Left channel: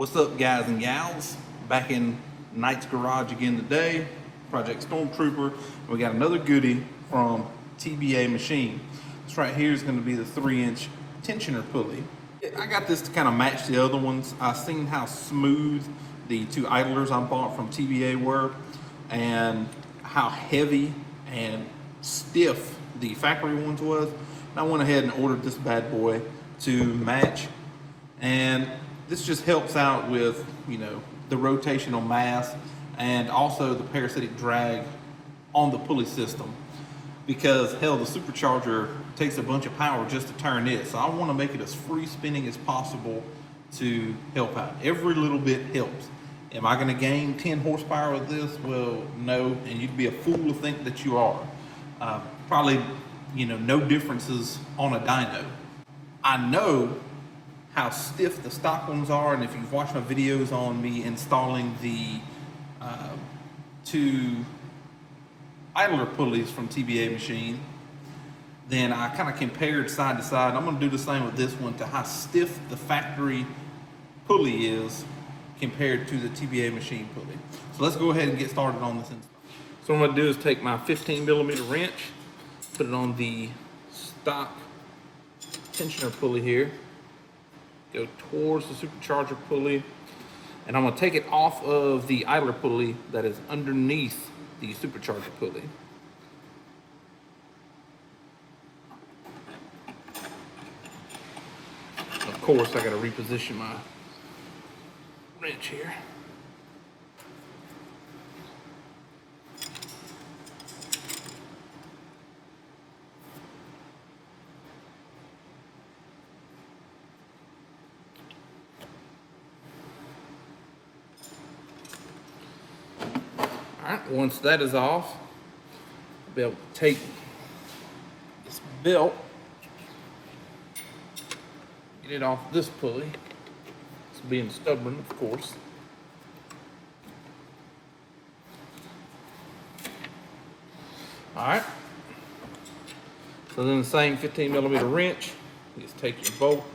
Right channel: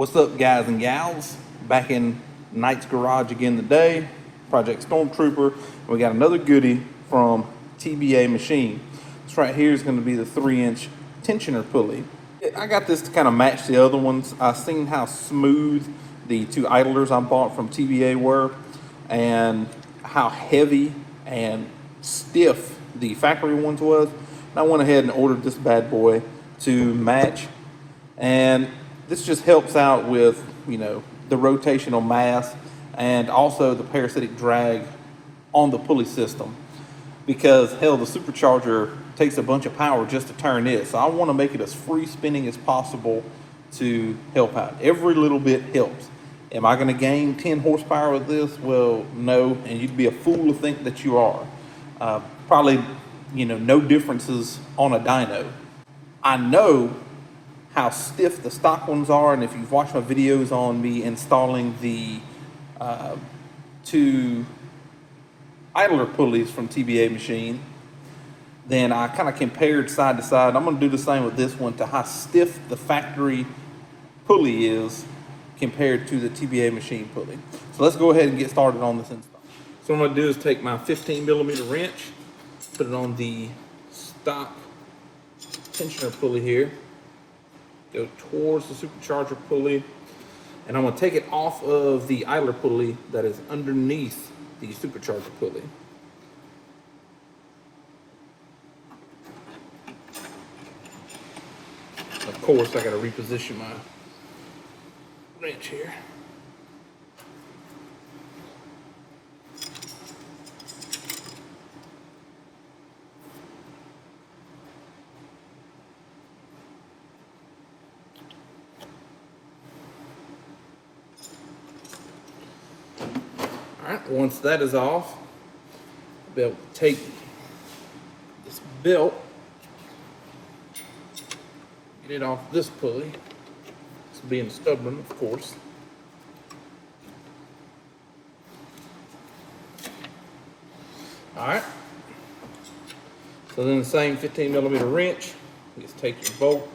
What's up, guys and gals? Back in Knight's Garage again today, Project Stormtrooper. We got another goodie from TBA Machine. This right here is going to be the 3-inch tensioner pulley. I got this to kind of match the other ones. I've seen how smooth the two idlers I bought from TBA were and how heavy and stiff the factory ones was. I went ahead and ordered this bad boy to match, and this just helps out with, you know, the rotational mass and also the parasitic drag on the pulley system, because hell, the supercharger takes a bunch of power just to turn it. So I want to make it as free spinning as possible to help out. Every little bit helps. Am I going to gain 10 horsepower with this? Well, no, and you'd be a fool to think that you are. Probably, you know, no differences on a dyno. I know how stiff the stock ones are, and if you've watched my videos on me installing the two idler pulleys from TBA Machine, then I kind of compared side to side. I'm going to do the same with this one to how stiff the factory pulley is compared to the TBA Machine pulley. So let's go ahead and get started on this install. So what I'm going to do is take my 15mm wrench, put it on the stock tensioner pulley here, go towards the supercharger pulley, and I'm going to take it off of the idler pulley that is underneath the supercharger pulley. Of course, I got to reposition my wrench here. Alright, once that is off, I'll be able to take this belt, get it off this pulley. It's being stubborn, of course. Alright, so then the same 15mm wrench, you just take your bolt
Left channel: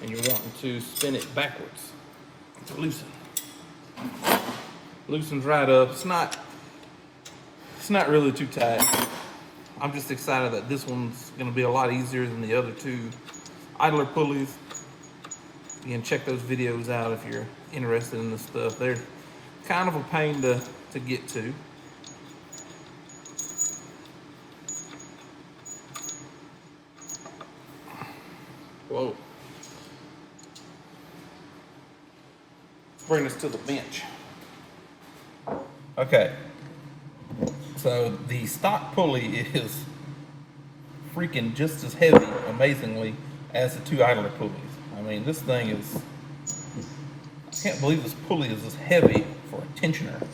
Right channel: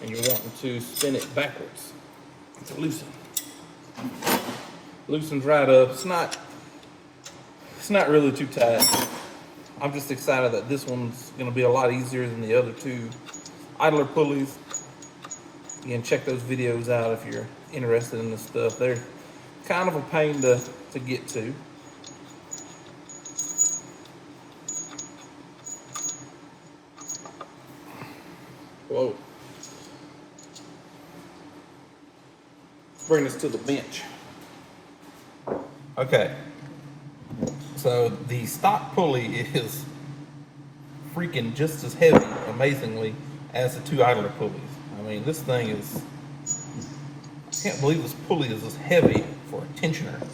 and you're wanting to spin it backwards to loosen. Loosens right up. It's not really too tight. I'm just excited that this one's going to be a lot easier than the other two idler pulleys. Again, check those videos out if you're interested in this stuff. They're kind of a pain to get to. Whoa. Let's bring this to the bench. Okay, so the stock pulley is freaking just as heavy, amazingly, as the two idler pulleys. I mean, this thing is, I can't believe this pulley is this heavy for a tensioner.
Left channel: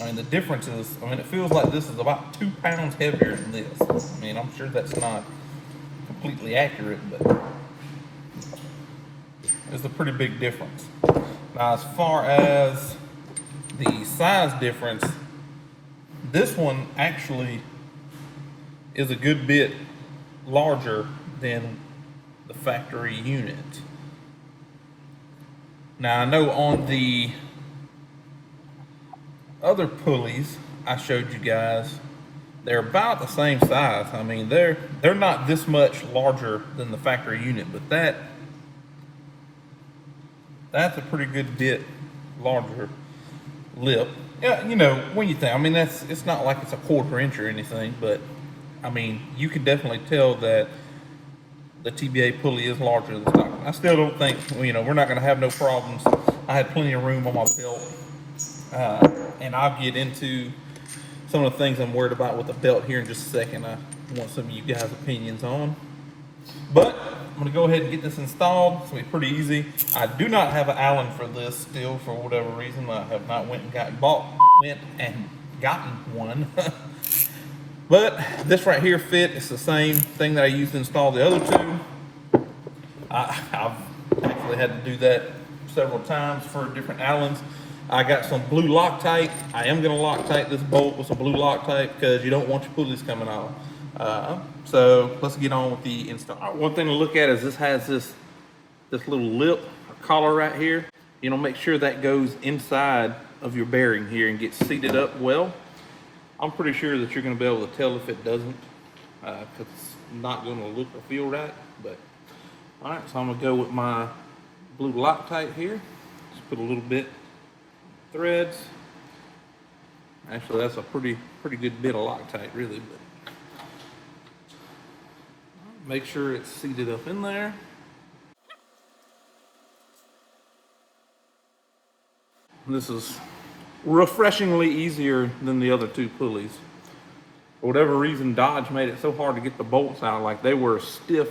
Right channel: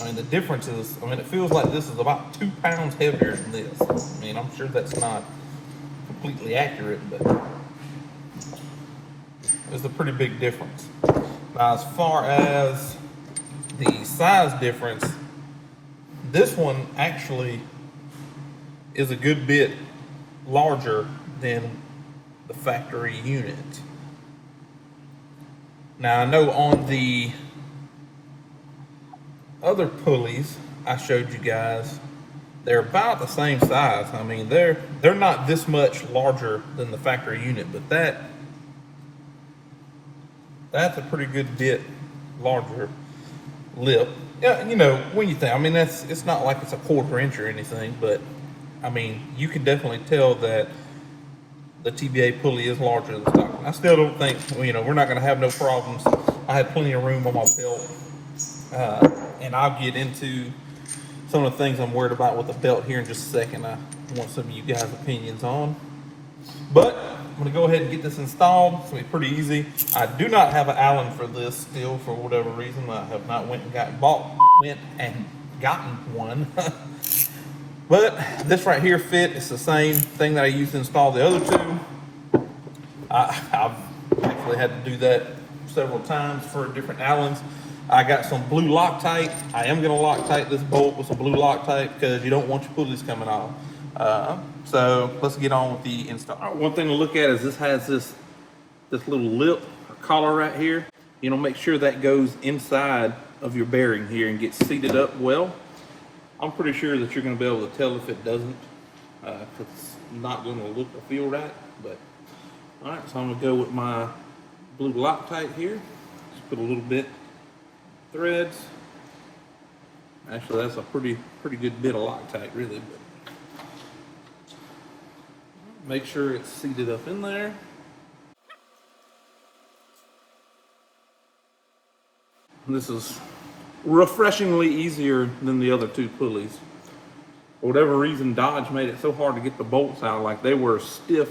I mean, the difference is, I mean, it feels like this is about 2 pounds heavier than this. I mean, I'm sure that's not completely accurate, but it's a pretty big difference. Now, as far as the size difference, this one actually is a good bit larger than the factory unit. Now, I know on the other pulleys I showed you guys, they're about the same size. I mean, they're not this much larger than the factory unit, but that's a pretty good bit larger lip. Yeah, you know, when you think, I mean, it's not like it's a 1/4 inch or anything, but I mean, you can definitely tell that the TBA pulley is larger than stock. I still don't think, you know, we're not going to have no problems. I had plenty of room on my belt, and I'll get into some of the things I'm worried about with the belt here in just a second. I want some of you guys' opinions on, but I'm going to go ahead and get this installed. It's going to be pretty easy. I do not have an Allen for this still, for whatever reason. I have not went and gotten one. But this right here fit. It's the same thing that I used to install the other two. I've actually had to do that several times for different Allens. I got some blue Loctite. I am going to Loctite this bolt with some blue Loctite because you don't want your pulleys coming off. So let's get on with the install. One thing to look at is this has this little lip collar right here, you know, make sure that goes inside of your bearing here and gets seated up well. I'm pretty sure that you're going to be able to tell if it doesn't, because it's not going to look or feel right. But all right, so I'm going to go with my blue Loctite here. Just put a little bit threads. Actually, that's a pretty good bit of Loctite, really. But make sure it's seated up in there. This is refreshingly easier than the other two pulleys. For whatever reason, Dodge made it so hard to get the bolts out. Like, they were stiff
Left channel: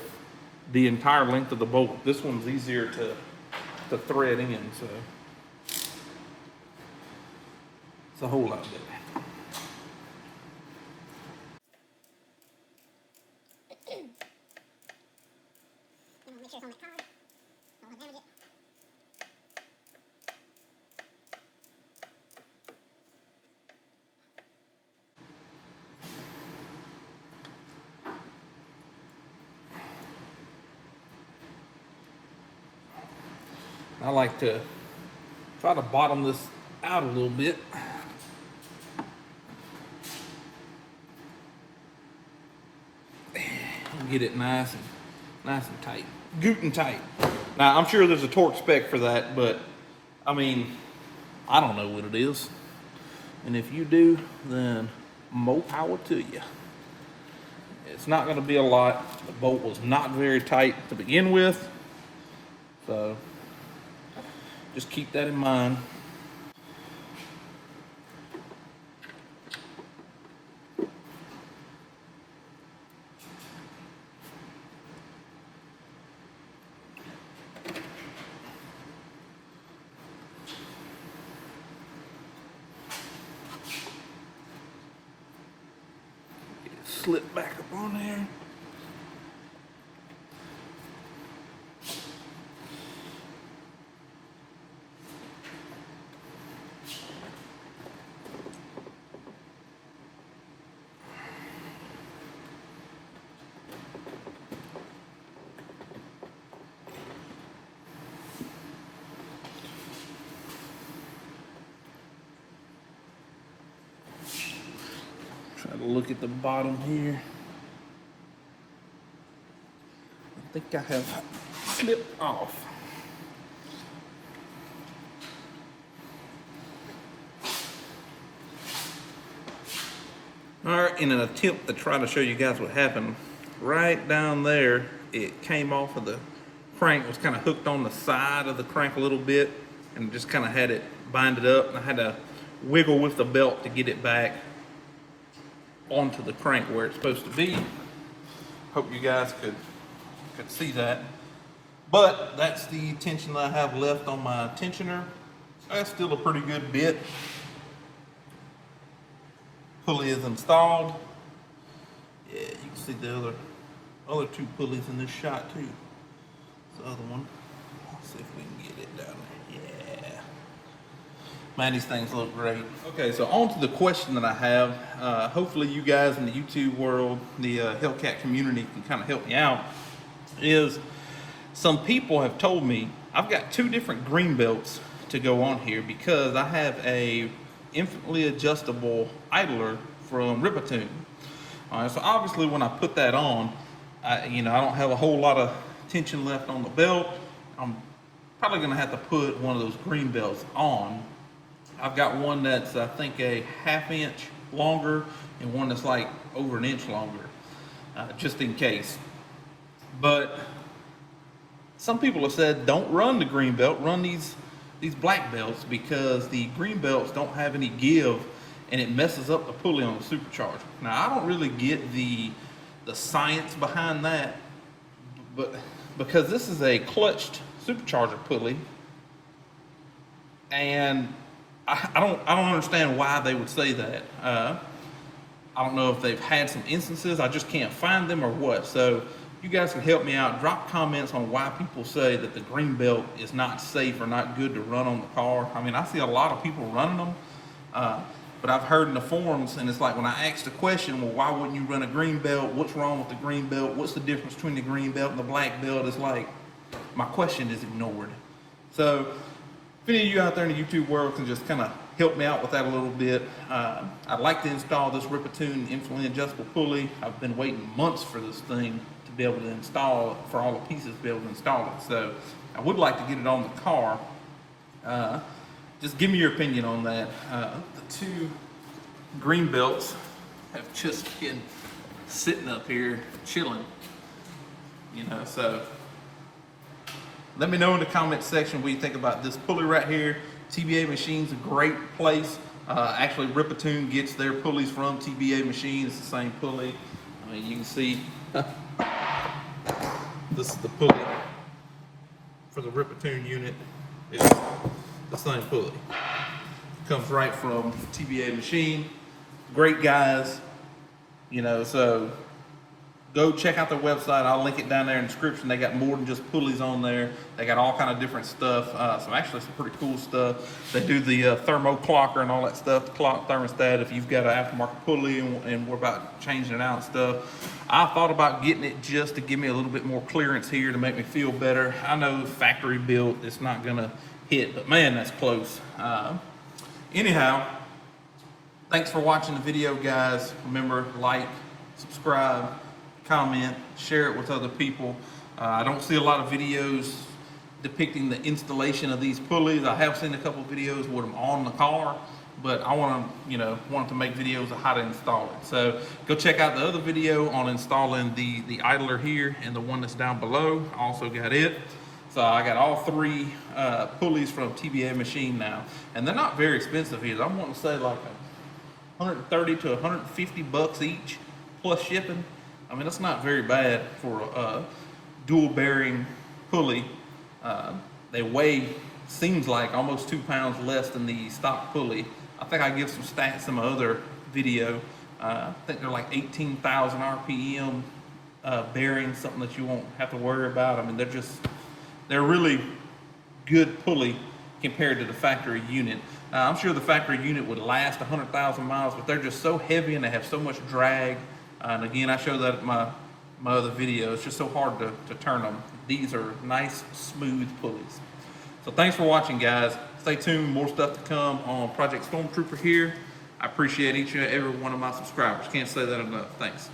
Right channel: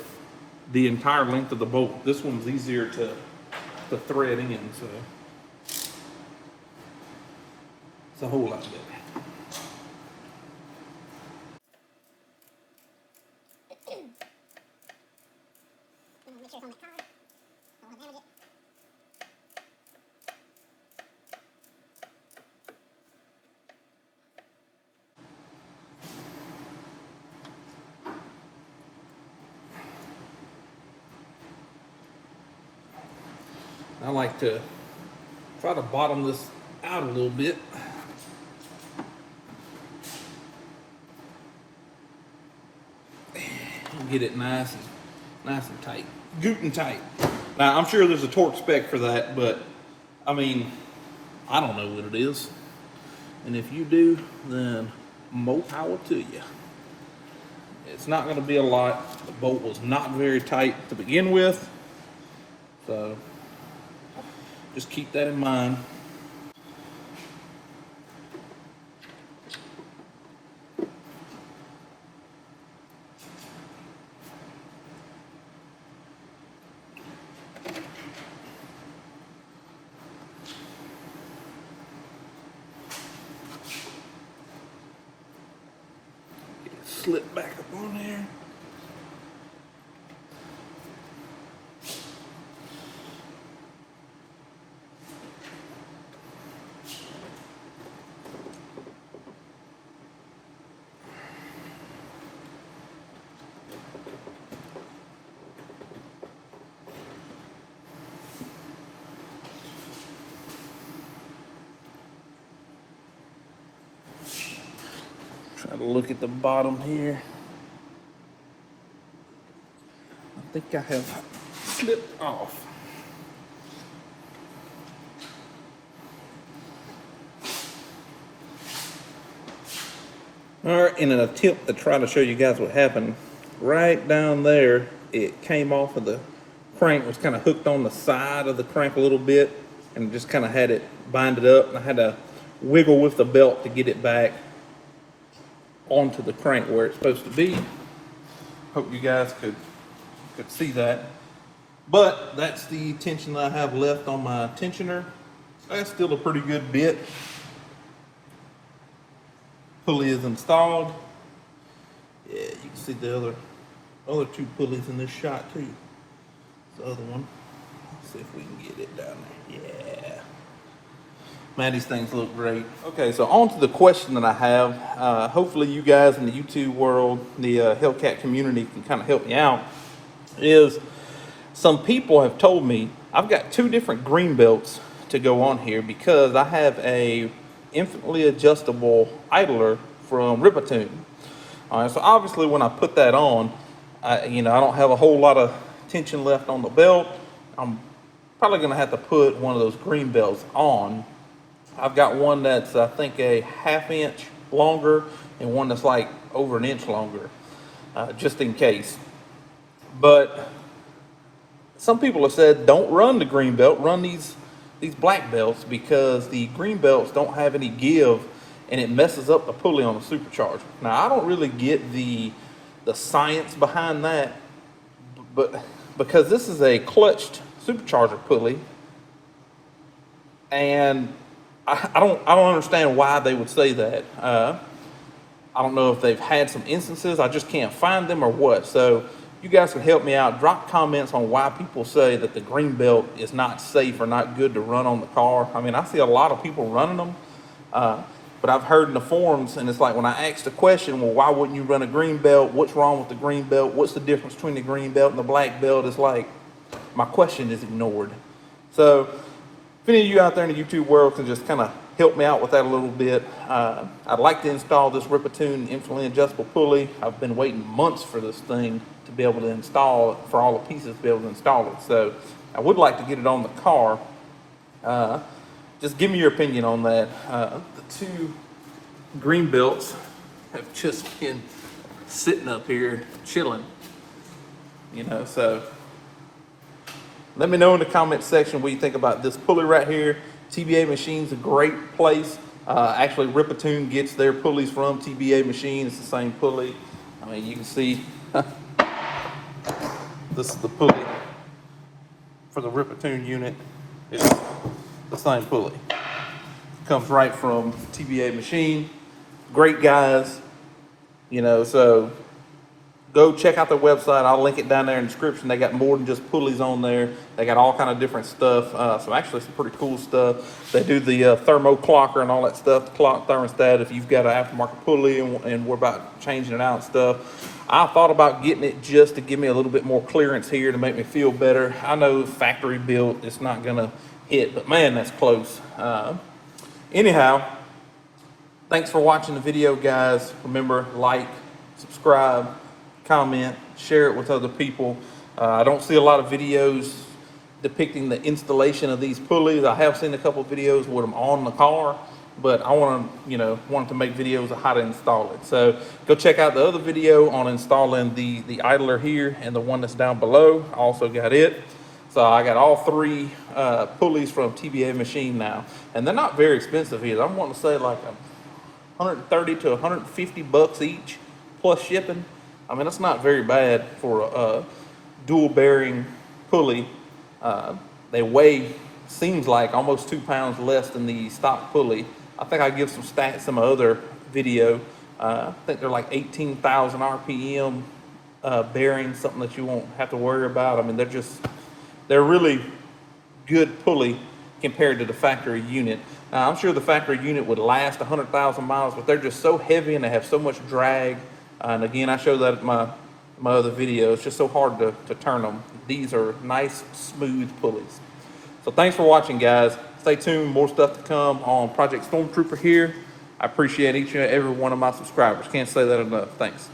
the entire length of the bolt. This one's easier to thread in, so it's a whole lot better. I like to try to bottom this out a little bit. And get it nice and tight, gootin' tight. Now, I'm sure there's a torque spec for that, but I mean, I don't know what it is. And if you do, then more power to you. It's not going to be a lot. The bolt was not very tight to begin with, so just keep that in mind. Slip back up on there. Try to look at the bottom here. I think I have slipped off. All right, in an attempt to try to show you guys what happened, right down there, it came off of the crank, was kind of hooked on the side of the crank a little bit, and just kind of had it binded up, and I had to wiggle with the belt to get it back onto the crank where it's supposed to be. Hope you guys could see that. But that's the tension I have left on my tensioner. That's still a pretty good bit. Pulley is installed. Yeah, you can see the other two pulleys in this shot too. The other one. Let's see if we can get it down there. Yeah. Man, these things look great. Okay, so on to the question that I have. Hopefully you guys in the YouTube world, the Hellcat community can kind of help me out. Is some people have told me I've got two different green belts to go on here because I have a infinitely adjustable idler from Ripatune. So obviously when I put that on, I don't have a whole lot of tension left on the belt. I'm probably gonna have to put one of those green belts on. I've got one that's I think a ½ inch longer and one that's like over an inch longer, just in case. But some people have said don't run the green belt, run these black belts, because the green belts don't have any give and it messes up the pulley on the supercharger. Now, I don't really get the science behind that, but because this is a clutched supercharger pulley, and I don't understand why they would say that. I don't know if they've had some instances, I just can't find them or what. So you guys can help me out. Drop comments on why people say that the green belt is not safe or not good to run on the car. I mean, I see a lot of people running them, but I've heard in the forums, and it's like when I ask the question, well, why wouldn't you run a green belt? What's wrong with the green belt? What's the difference between the green belt and the black belt? It's like my question is ignored. So if any of you out there in the YouTube world can just kind of help me out with that a little bit, I'd like to install this Ripatoon infinitely adjustable pulley. I've been waiting months for this thing to be able to install it, for all the pieces to be able to install it. So I would like to get it on the car. Just give me your opinion on that. The two green belts have just been sitting up here chilling, you know, so let me know in the comment section what you think about this pulley right here. TBA Machine's a great place. Actually, Ripatoon gets their pulleys from TBA Machine. It's the same pulley. I mean, you can see this is the pulley for the Ripatoon unit. It's the same pulley. Comes right from TBA Machine. Great guys, you know, so go check out their website. I'll link it down there in the description. They got more than just pulleys on there. They got all kind of different stuff. So actually some pretty cool stuff. They do the thermo clocker and all that stuff, the clock thermostat if you've got an aftermarket pulley and we're about changing it out and stuff. I thought about getting it just to give me a little bit more clearance here to make me feel better. I know factory built, it's not gonna hit, but man, that's close. Anyhow, thanks for watching the video, guys. Remember, like, subscribe, comment, share it with other people. I don't see a lot of videos depicting the installation of these pulleys. I have seen a couple of videos with them on the car, but I wanted to make videos of how to install it. So go check out the other video on installing the idler here and the one that's down below. I also got it. So I got all three pulleys from TBA Machine now, and they're not very expensive either. I'm wanting to say like 130 to 150 bucks each plus shipping. I mean, that's not very bad for a dual bearing pulley. They weigh, seems like, almost 2 pounds less than the stock pulley. I think I give some stats in my other video. I think they're like 18,000 RPM bearings, something that you won't have to worry about. I mean, they're really good pulley compared to the factory unit. I'm sure the factory unit would last 100,000 miles, but they're just so heavy and they have so much drag. And again, I showed that in my other video. It's just so hard to turn them. These are nice, smooth pulleys. So thanks for watching, guys. Stay tuned. More stuff to come on Project Stormtrooper here. I appreciate each and every one of my subscribers. Can't say that enough. Thanks.